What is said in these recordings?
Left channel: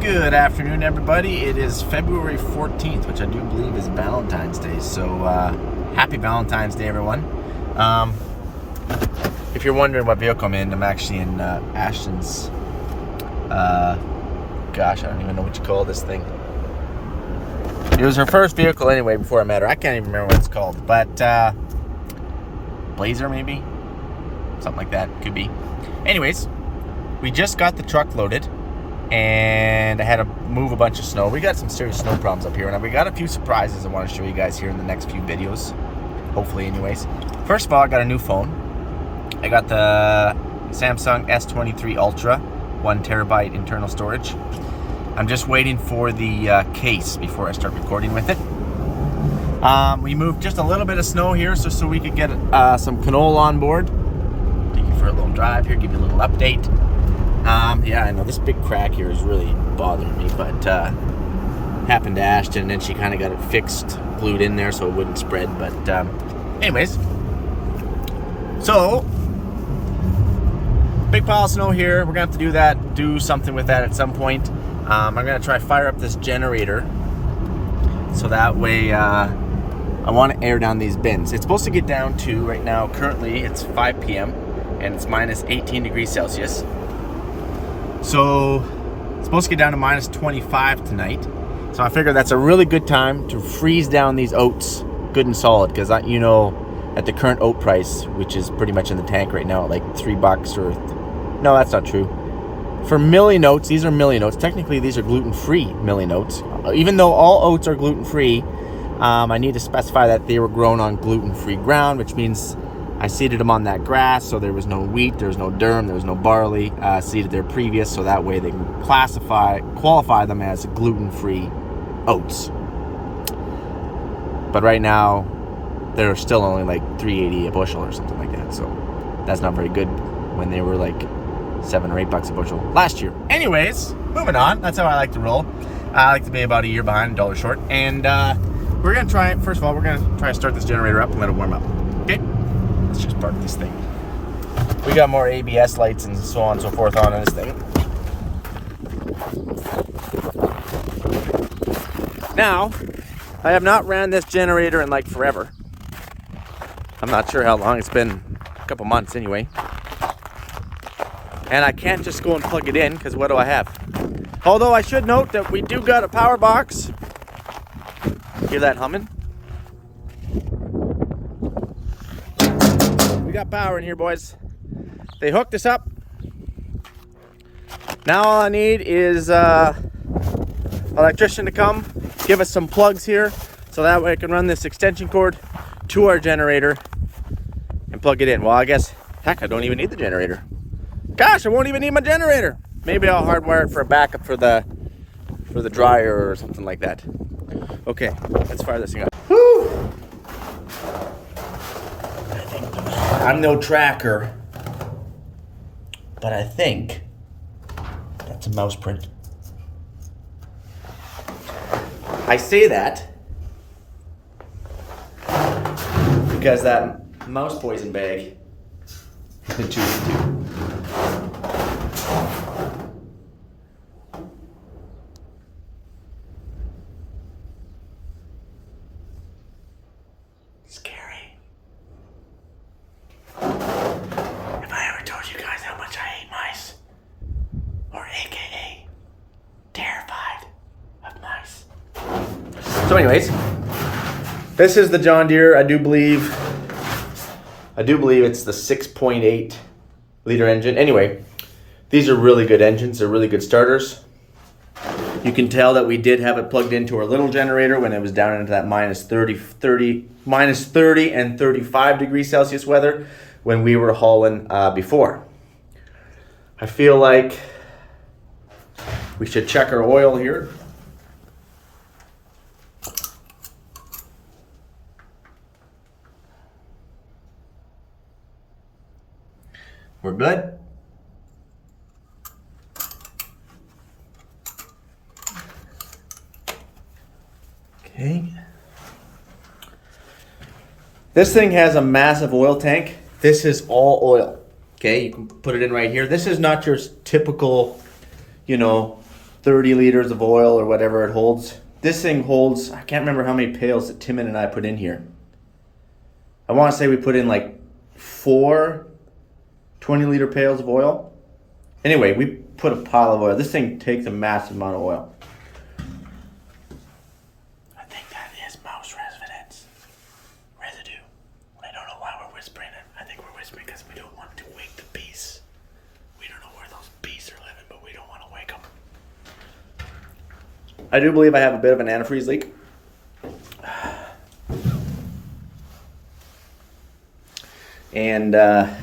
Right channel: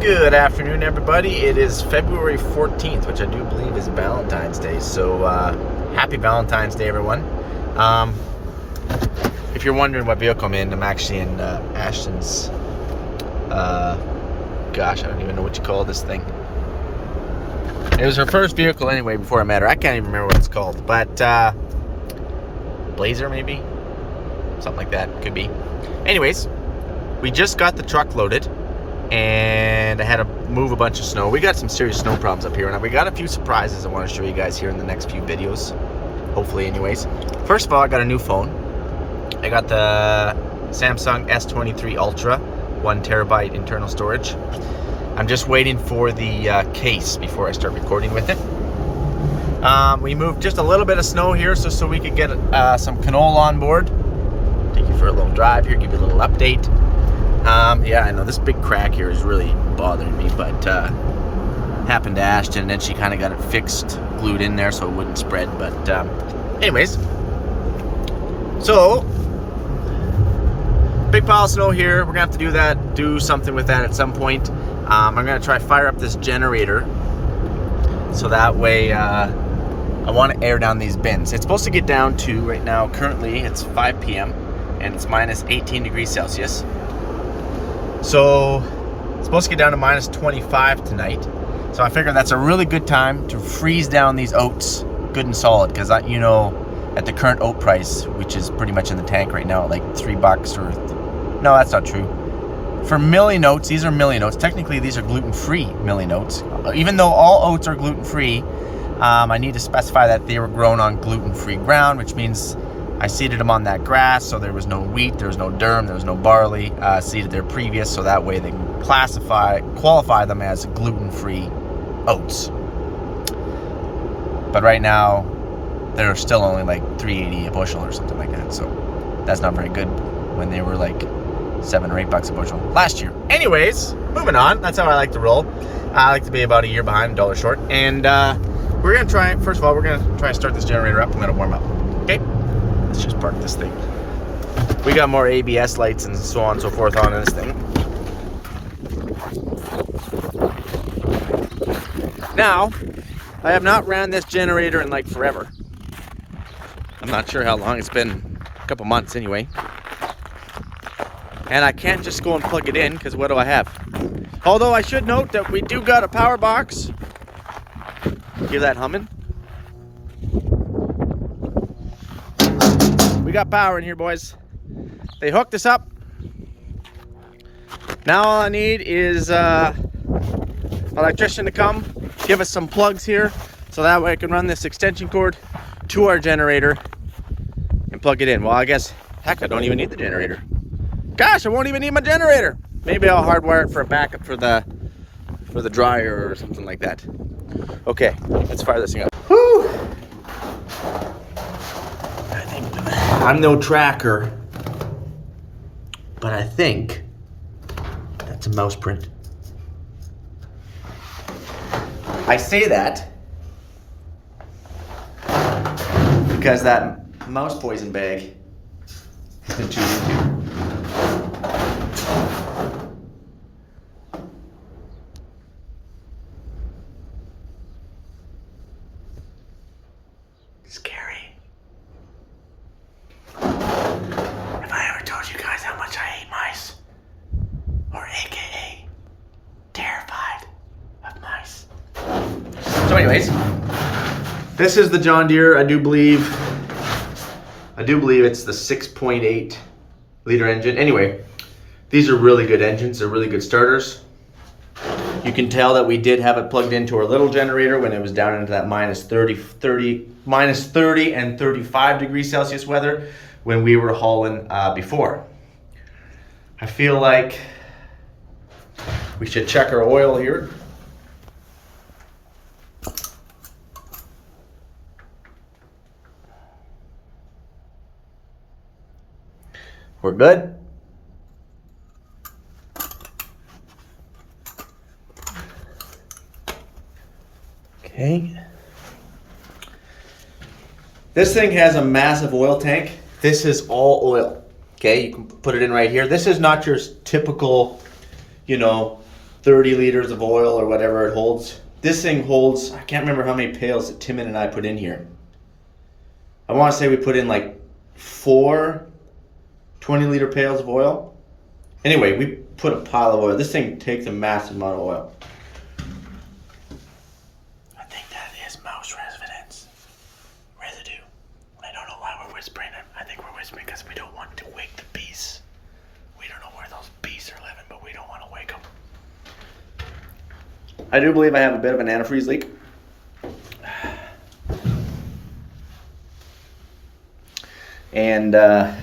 Good afternoon, everybody. It is February 14th, which I do believe is Valentine's Day. So, happy Valentine's Day, everyone. If you're wondering what vehicle I'm in, I'm actually in Ashtyn's, gosh, I don't even know what you call this thing. It was her first vehicle anyway before I met her. I can't even remember what it's called, but Blazer maybe? Something like that, could be. Anyways, we just got the truck loaded and I had to move a bunch of snow. We got some serious snow problems up here, and we got a few surprises I want to show you guys here in the next few videos, hopefully. Anyways, first of all, I got a new phone. I got the Samsung S23 Ultra, 1 terabyte internal storage. I'm just waiting for the case before I start recording with it. We moved just a little bit of snow here so we could get some canola on board. Take you for a little drive here, give you a little update. Yeah, I know this big crack here is really bothering me, but happened to Ashtyn, and then she kind of got it fixed, glued in there so it wouldn't spread. But anyways, so big pile of snow here. We're gonna have to do something with that at some point. I'm gonna try fire up this generator so that way I want to air down these bins. It's supposed to get down to, right now, currently it's 5 p.m. and it's minus 18 degrees Celsius. So it's supposed to get down to minus 25 tonight. So I figured that's a really good time to freeze down these oats good and solid, because you know, at the current oat price, which is pretty much in the tank right now at like $3 or no, that's not true. For milling oats, these are milling oats. Technically these are gluten-free milling oats. Even though all oats are gluten-free, I need to specify that they were grown on gluten-free ground, which means I seeded them on that grass, so there was no wheat, there was no durum, there was no barley seeded there previous, so that way they can qualify them as gluten-free oats. But right now, they're still only like $3.80 a bushel or something like that, so that's not very good when they were like $7 or $8 a bushel last year. Anyways, moving on. That's how I like to roll. I like to be about a year behind, $1 short. And we're gonna try, first of all, we're gonna try to start this generator up and let it warm up. Okay? Let's just park this thing. We got more ABS lights and so on and so forth on this thing. Now, I have not ran this generator in like forever. I'm not sure how long. It's been a couple months anyway. And I can't just go and plug it in, because what do I have? Although I should note that we do got a power box. Hear that humming? We got power in here, boys. They hooked us up. Now all I need is electrician to come, give us some plugs here, so that way I can run this extension cord to our generator and plug it in. Well, I guess, heck, I don't even need the generator. Gosh, I won't even need my generator. Maybe I'll hardwire it for a backup for the dryer or something like that. Okay, let's fire this thing up. Whew. I think I'm no tracker, but I think that's a mouse print. I say that because that mouse poison bag is scary. Have I ever told you guys how much I hate mice? Or AKA, terrified of mice. So anyways, this is the John Deere. I do believe it's the 6.8 liter engine. Anyway, these are really good engines. They're really good starters. You can tell that we did have it plugged into our little generator when it was down into that minus 30 and 35 degrees Celsius weather when we were hauling before. I feel like we should check our oil here. We're good. Okay. This thing has a massive oil tank. This is all oil. Okay, you can put it in right here. This is not your typical, you know, 30 liters of oil or whatever it holds. This thing holds, I can't remember how many pails that Timon and I put in here. I want to say we put in like 4 20-liter pails of oil. Anyway, we put a pile of oil. This thing takes a massive amount of oil. I think that is mouse residue. I don't know why we're whispering. I think we're whispering because we don't want to wake the bees. We don't know where those bees are living, but we don't want to wake them. I do believe I have a bit of an antifreeze leak. And I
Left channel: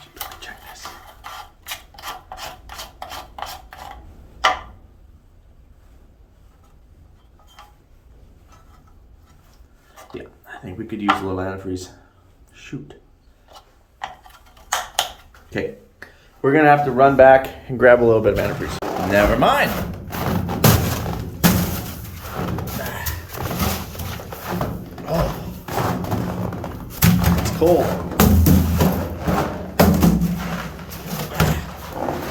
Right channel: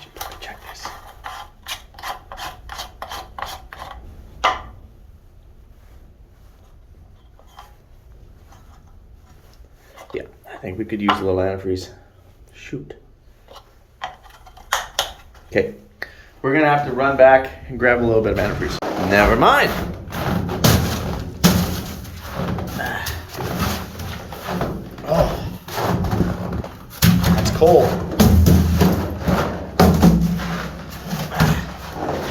should probably check this. Yeah, I think we could use a little antifreeze. Shoot. Okay, we're gonna have to run back and grab a little bit of antifreeze. Never mind. Oh, that's cold.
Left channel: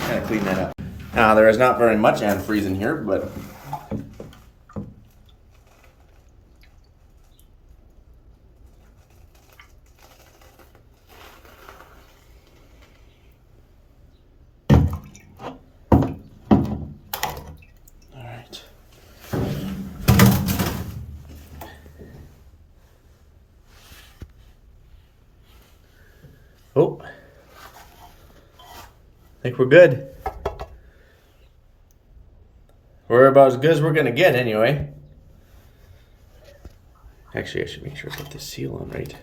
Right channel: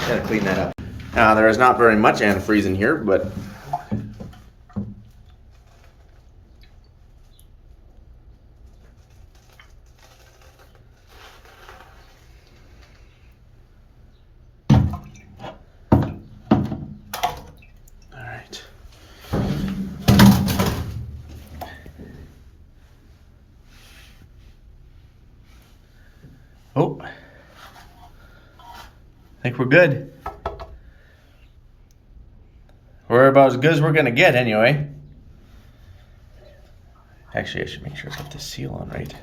Gotta clean that up. Now, there is not very much antifreeze in here, but oh, I think we're good. We're about as good as we're gonna get anyway. Actually, I should make sure I put this seal on right.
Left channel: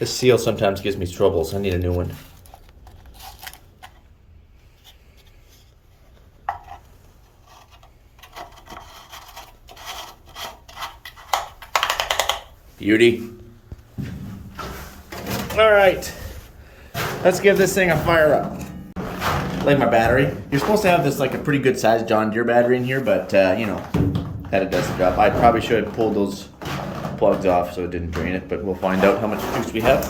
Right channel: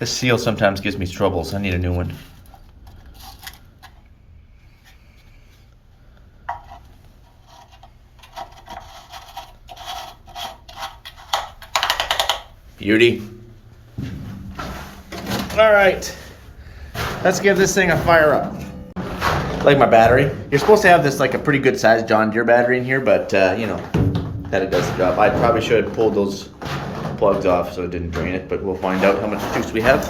This seal sometimes gives me troubles. I need a new one. Beauty. All right. Let's give this thing a fire up. Like my battery. You're supposed to have this like a pretty good sized John Deere battery in here, but you know, that it does the job. I probably should have pulled those plugs off so it didn't drain it, but we'll find out how much juice we have.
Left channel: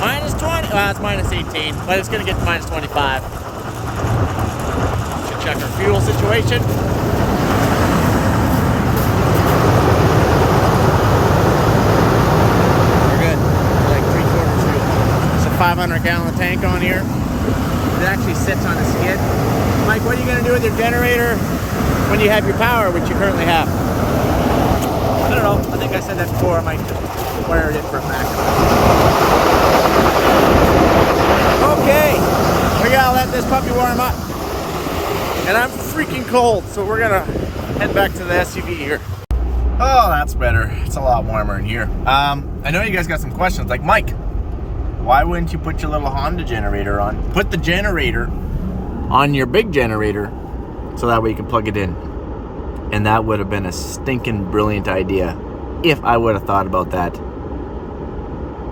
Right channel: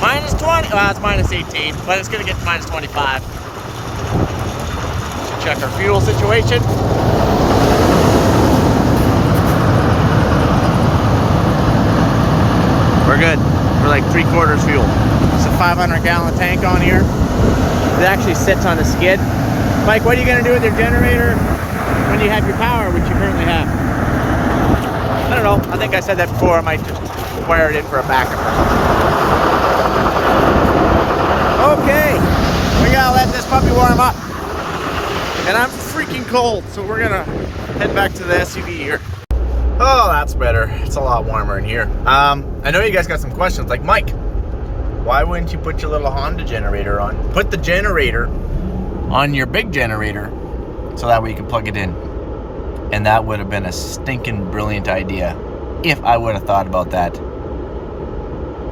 Minus 20, well, it's minus 18, but it's gonna get to minus 25. Should check our fuel situation. We're good. We're like 3/4 fuel. It's a 500-gallon tank on here. It actually sits on a skid. Mike, what are you gonna do with your generator when you have your power, which you currently have? I don't know. I think I said that before. I might just wire it in for a backup or something. Okay, we gotta let this puppy warm up. And I'm freaking cold, so we're gonna head back to the SUV here. Oh, that's better. It's a lot warmer in here. I know you guys got some questions, like, Mike, why wouldn't you put your little Honda generator on? Put the generator on your big generator so that way you can plug it in. And that would have been a stinking brilliant idea if I would have thought about that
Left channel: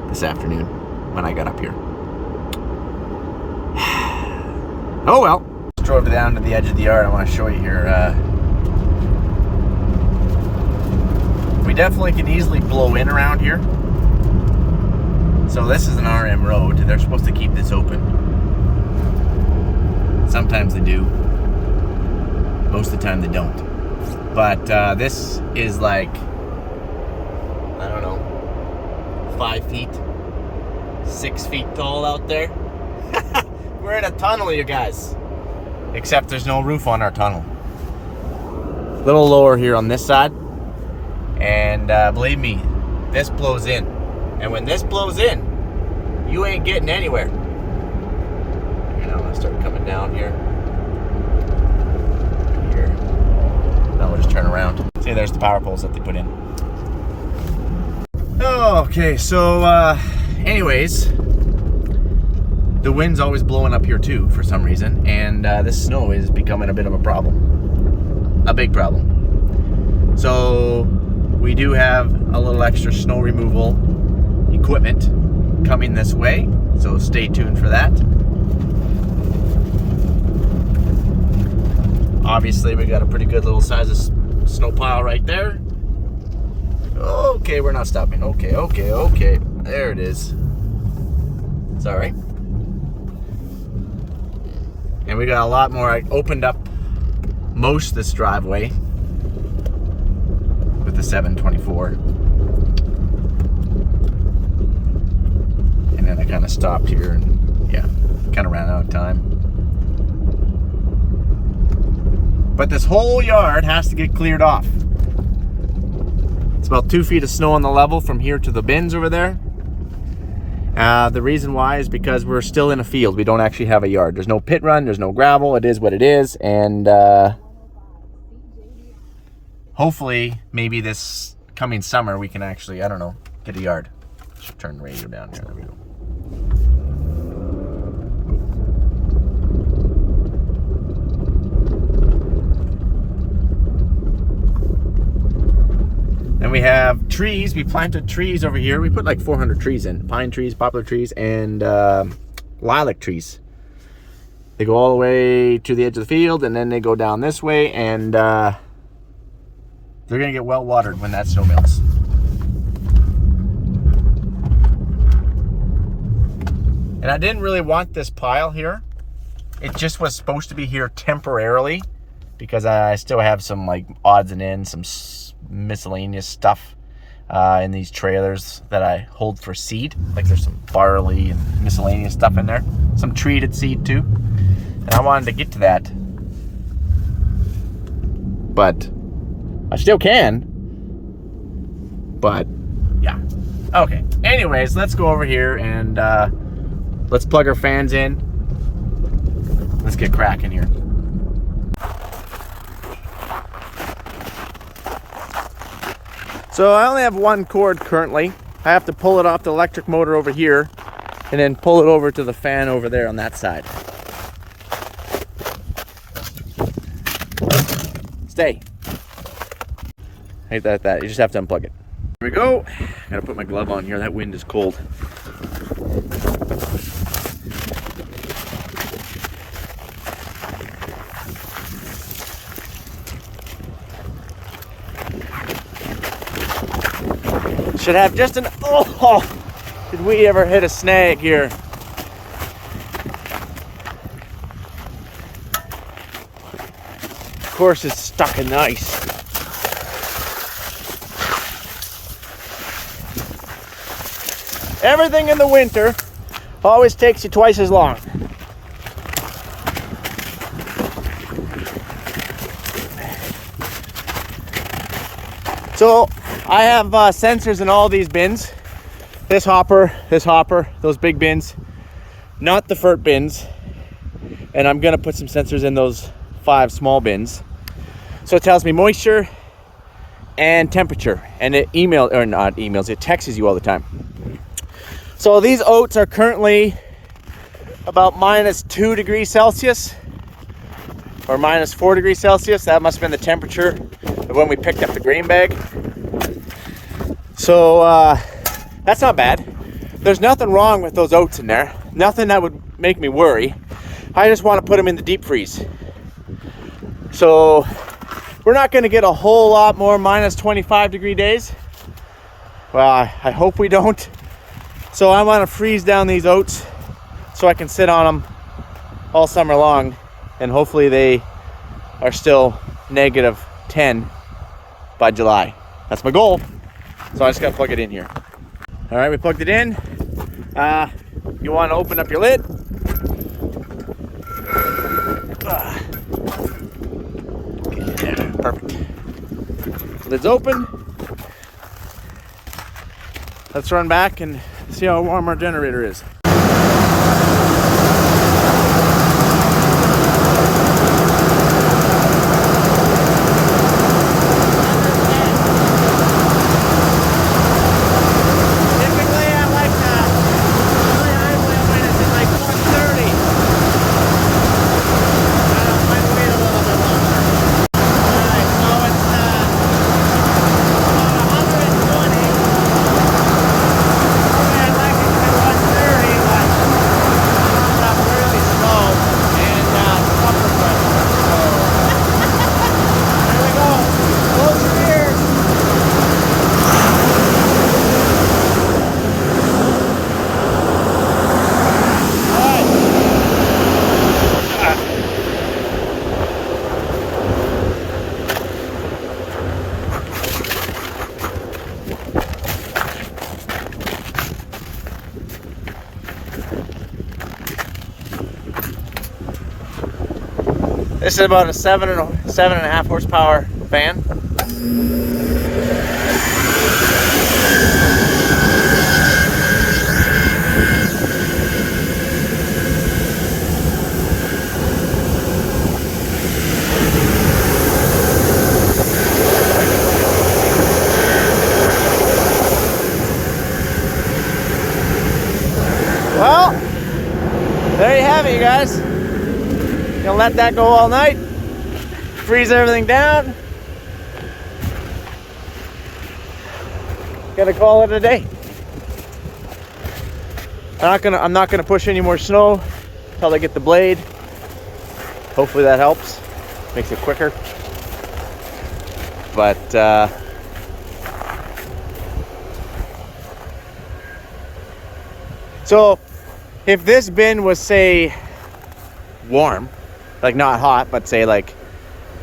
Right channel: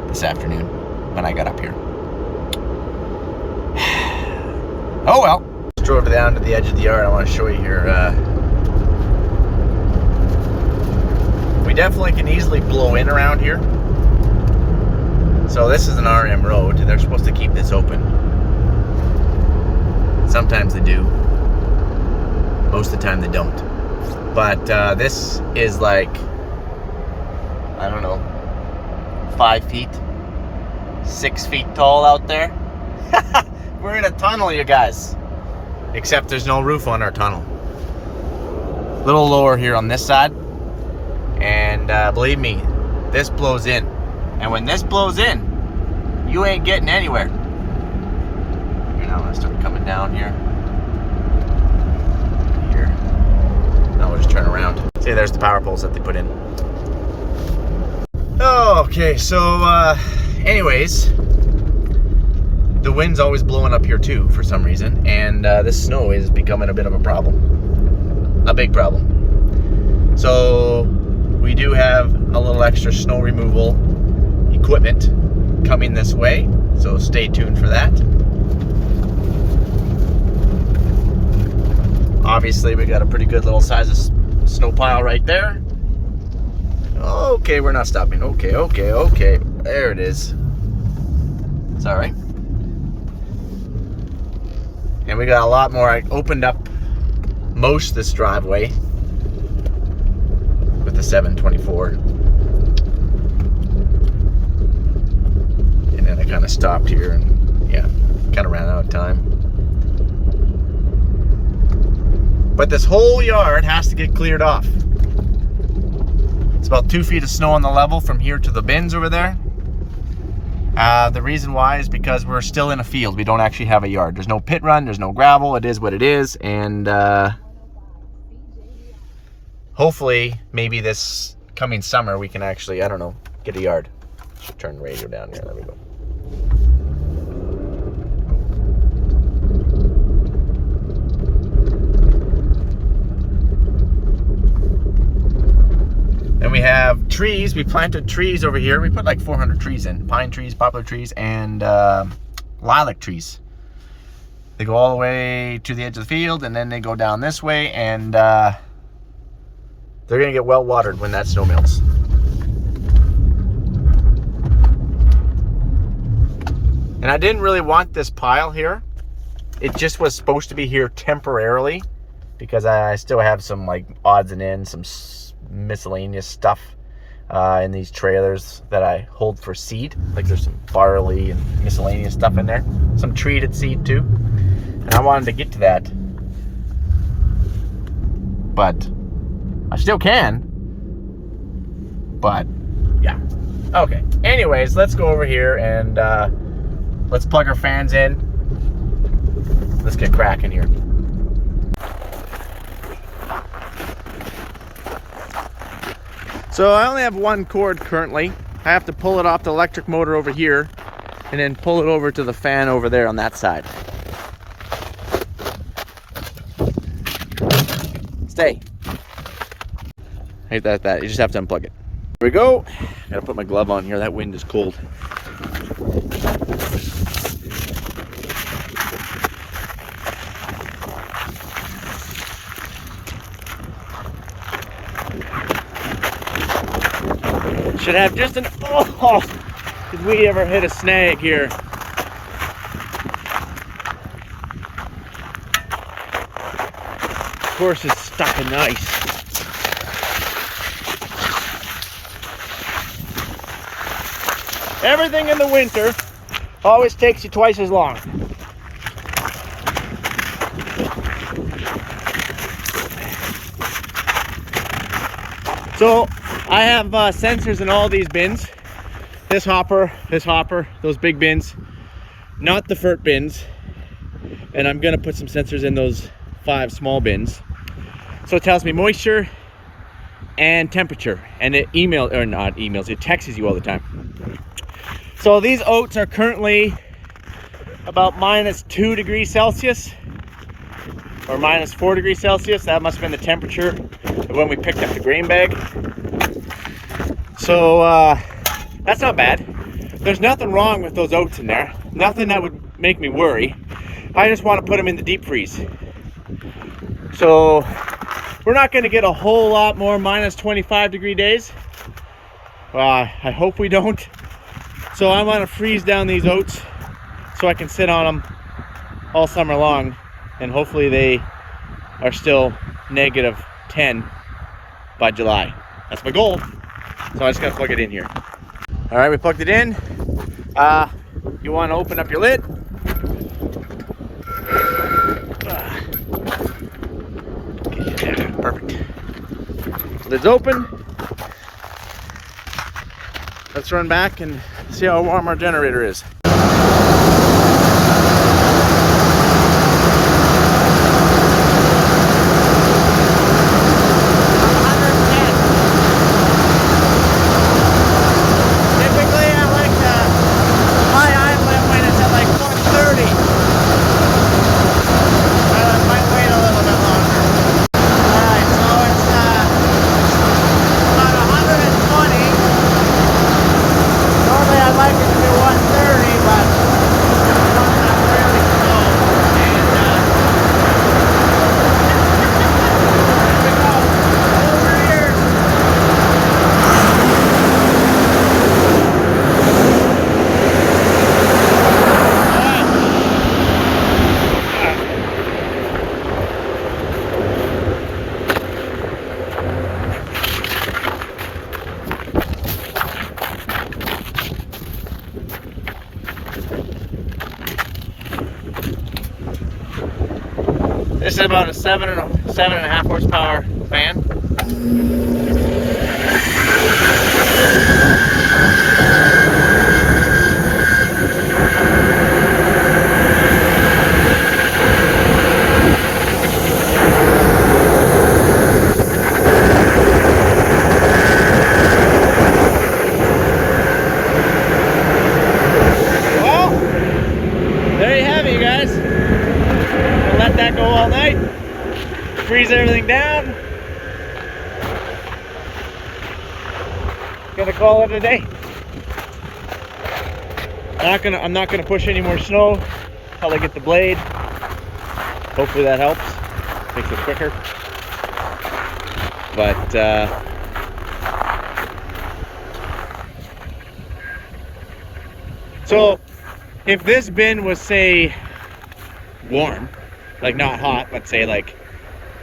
this afternoon when I got up here. Oh well. Just drove down to the edge of the yard. I want to show you here. We definitely can easily blow in around here. So this is an RM road. They're supposed to keep this open. Sometimes they do. Most of the time they don't. But this is like, I don't know, 5 feet, 6 feet tall out there. We're in a tunnel, you guys. Except there's no roof on our tunnel. A little lower here on this side. And believe me, this blows in. And when this blows in, you ain't getting anywhere. Here, now I'm gonna start coming down here. Here. Now we'll just turn around. See, there's the power poles that they put in. Okay, so anyways, the wind's always blowing up here too for some reason, and this snow is becoming a bit of a problem. A big problem. So we do have a little extra snow removal equipment coming this way, so stay tuned for that. Obviously, we got a pretty good little size of snow pile right there. Okay, we're not stopping. Okay. There it is. It's all right. And we got a lot more. I opened up most of this driveway with the 724. And then I kind of stopped here and yeah, kind of ran out of time. But this whole yard has to get cleared off. It's about 2 feet of snow on the level from here to the bins over there. The reason why is because we're still in a field. We don't actually have a yard. There's no pit run, there's no gravel. It is what it is. And hopefully, maybe this coming summer, we can actually, I don't know, get a yard. Should turn the radio down here. There we go. Then we have trees. We planted trees over here. We put like 400 trees in. Pine trees, poplar trees, and lilac trees. They go all the way to the edge of the field, and then they go down this way, and they're going to get well watered when that snow melts. And I didn't really want this pile here. It just was supposed to be here temporarily because I still have some like odds and ends, some miscellaneous stuff in these trailers that I hold for seed. Like there's some barley and miscellaneous stuff in there. Some treated seed too. And I wanted to get to that. But I still can. But yeah. Okay. Anyways, let's go over here and let's plug our fans in. Let's get cracking here. So I only have one cord currently. I have to pull it off the electric motor over here and then pull it over to the fan over there on that side. Stay. Hate that. You just have to unplug it. Here we go. Gotta put my glove on here. That wind is cold. Should have just an, oh, did we ever hit a snag here? Of course it's stuck in the ice. Everything in the winter always takes you twice as long. So I have sensors in all these bins. This hopper, those big bins, not the FERT bins. And I'm gonna put some sensors in those 5 small bins. So it tells me moisture and temperature, and it it texts you all the time. So these oats are currently about -2 degrees Celsius or -4 degrees Celsius. That must have been the temperature of when we picked up the grain bag. So that's not bad. There's nothing wrong with those oats in there. Nothing that would make me worry. I just want to put them in the deep freeze. So we're not going to get a whole lot more -25 degree days. Well, I hope we don't. So I want to freeze down these oats so I can sit on them all summer long, and hopefully they are still -10 by July. That's my goal. So I just got to plug it in here. All right, we plugged it in. You want to open up your lid. Get in there. Perfect. Lid's open. Let's run back and see how warm our generator is. Typically, I like to high idle it when it's at like 130. This is about a 7.5 horsepower fan. Well, there you have it, you guys. Gonna let that go all night. Freeze everything down. Gonna call it a day. I'm not gonna push any more snow until I get the blade. Hopefully that helps. Makes it quicker. But so if this bin was, say, warm, like not hot, but say like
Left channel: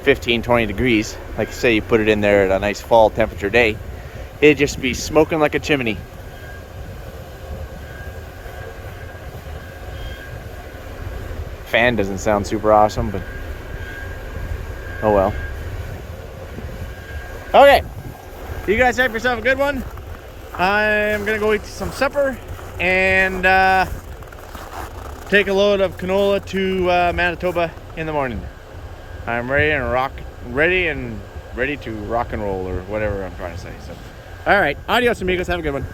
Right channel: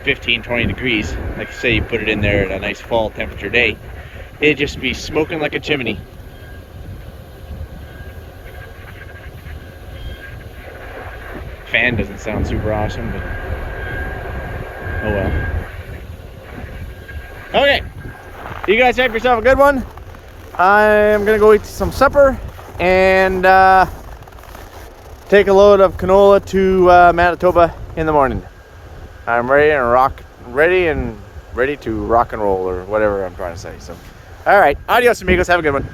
15-20 degrees, like say you put it in there at a nice fall temperature day, it'd just be smoking like a chimney. Fan doesn't sound super awesome, but oh well. Okay, you guys have yourself a good one. I'm gonna go eat some supper and take a load of canola to Manitoba in the morning. I'm ready and ready to rock and roll, or whatever I'm trying to say. So, all right, adios amigos, have a good one.